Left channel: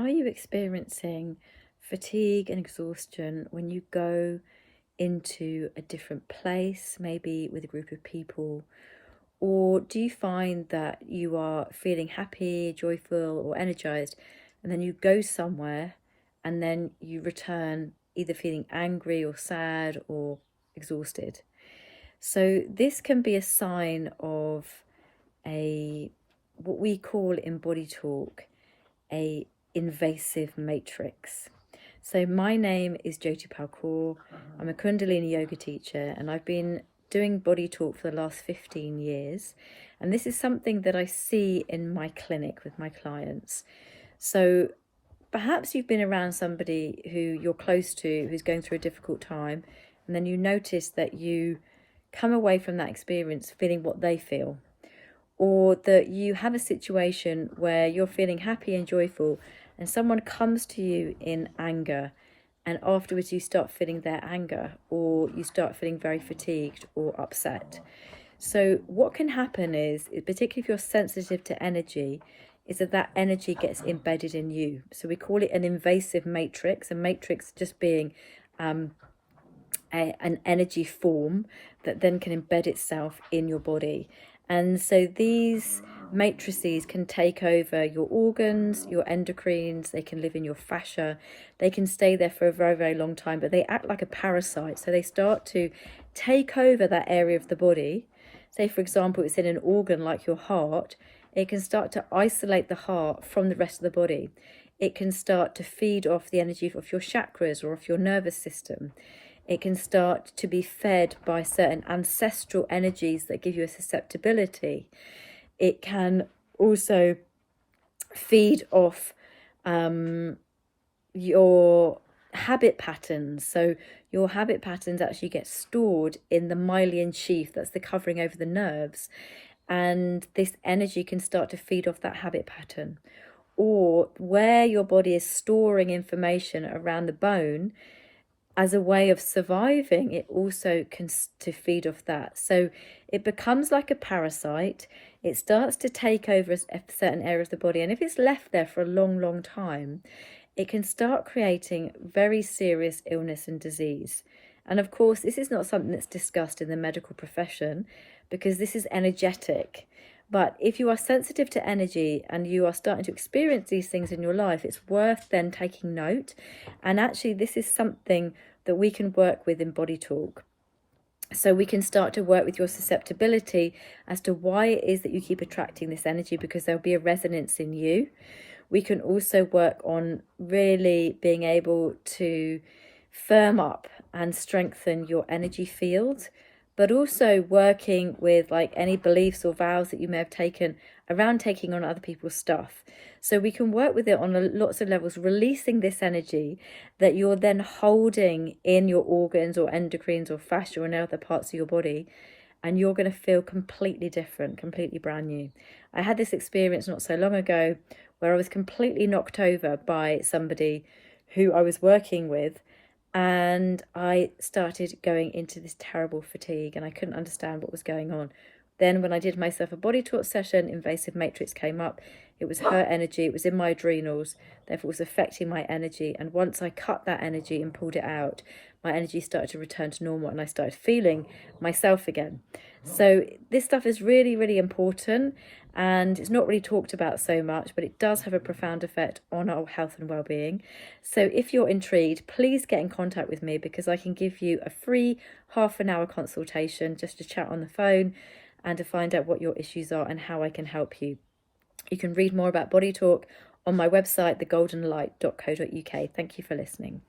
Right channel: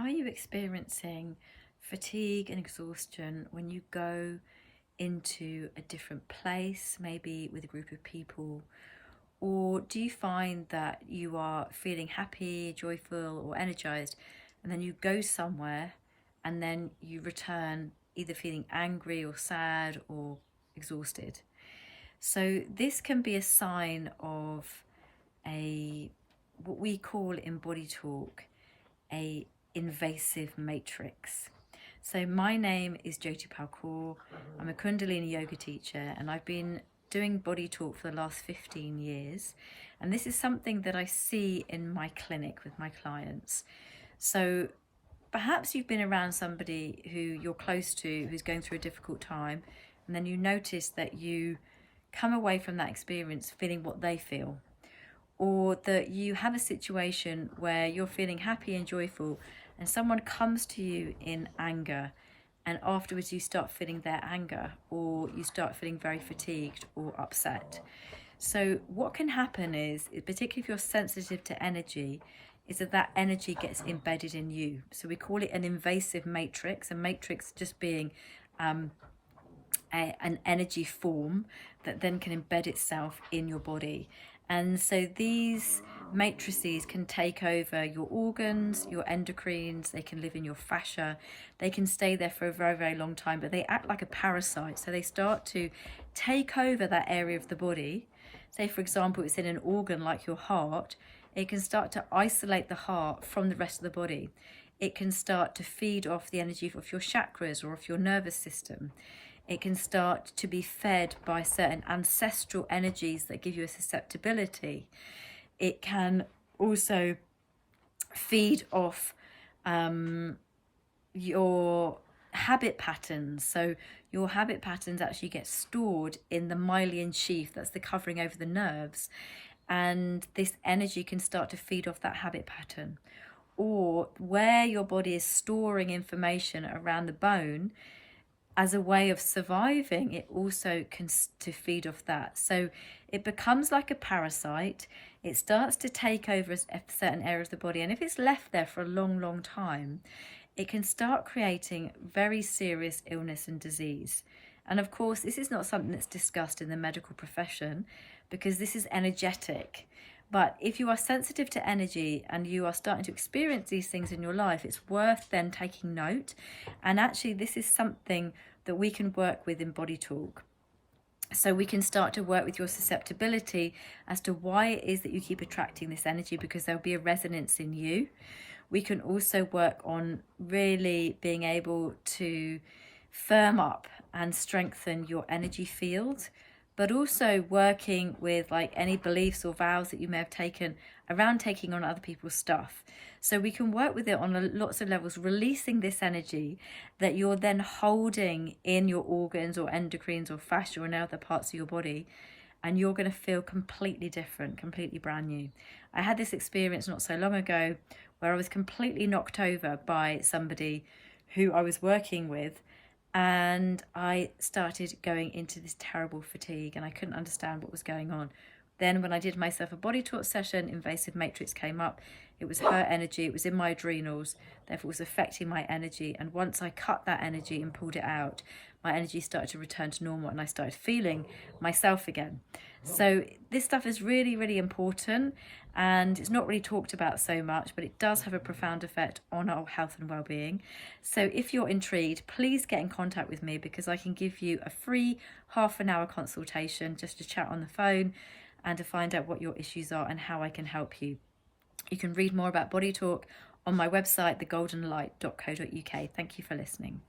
Are you experiencing fatigue and exhaustion when you go into a different place, maybe with a group of people? Or do you find that you are feeling happy, joyful, or energized, and then you go somewhere and then you return either feeling angry or sad or exhausted? So this can be a sign of what we call in Bodytalk a invasive matrix. So my name is Jyoti Kaur. I'm a Kundalini yoga teacher, and I've been doing Bodytalk for the last 15 years. And this is something that I see in my clinic with my clients. So perhaps you've been around somebody who you're close to, who's going through a difficult time, and then you notice that you come away from that experience feeling what they feel. Or that you have a situation where you're feeling happy and joyful and someone comes to you in anger, and afterwards you start feeling their anger, or you start feeling very fatigued or upset. So what can happen is, particularly if you're sensitive to energy, is that energy gets embedded in you. So we call it an invasive matrix, a matrix just being an energy form that then can embed itself in your body. And so these matrices can take over your organs, your endocrines, they can live in your fascia, they can stay there for a very, very long time, but they act like a parasite. So they start to take over that area of the body. Say, for example, it's in an organ like your heart, it can start to isolate the heart from the rest of the body. It can start to feed off the energy of your chakras or of your nervous system. It can start to be fed by certain ancestral energies that give you a susceptibility. It can also feed off your habit patterns. So your habit patterns actually get stored in the myelin sheath, that's the covering over the nerves. And this energy can start to feed off that habit pattern. Or where your body is storing information around the bone, as a way of surviving, it also can to feed off that. So it becomes like a parasite. It starts to take over a certain area of the body, and if it's left there for a long, long time, it can start creating very serious illness and disease. And of course, this is not something that's discussed in the medical profession, because this is energetic. But if you are sensitive to energy and you are starting to experience these things in your life, it's worth then taking note. And actually, this is something that we can work with in Bodytalk. So we can start to work with your susceptibility as to why it is that you keep attracting this energy, because there'll be a resonance in you. We can also work on really being able to firm up and strengthen your energy field, but also working with like any beliefs or vows that you may have taken around taking on other people's stuff. So we can work with it on lots of levels, releasing this energy that you're then holding in your organs or endocrines or fascia and other parts of your body, and you're going to feel completely different, completely brand new. I had this experience not so long ago where I was completely knocked over by somebody who I was working with, and I started going into this terrible fatigue and I couldn't understand what was going on. Then when I did myself a body talk session, invasive matrix came up. It was her energy, it was in my adrenals, therefore it was affecting my energy. And once I cut that energy and pulled it out, my energy started to return to normal and I started feeling myself again. So this stuff is really, really important, and it's not really talked about so much, but it does have a profound effect on our health and well-being. So if you're intrigued, please get in contact with me, because I can give you a free half-an-hour consultation just to chat on the phone and to find out what your issues are and how I can help you. You can read more about Bodytalk on my website, thegoldenlight.co.uk. Thank you for listening.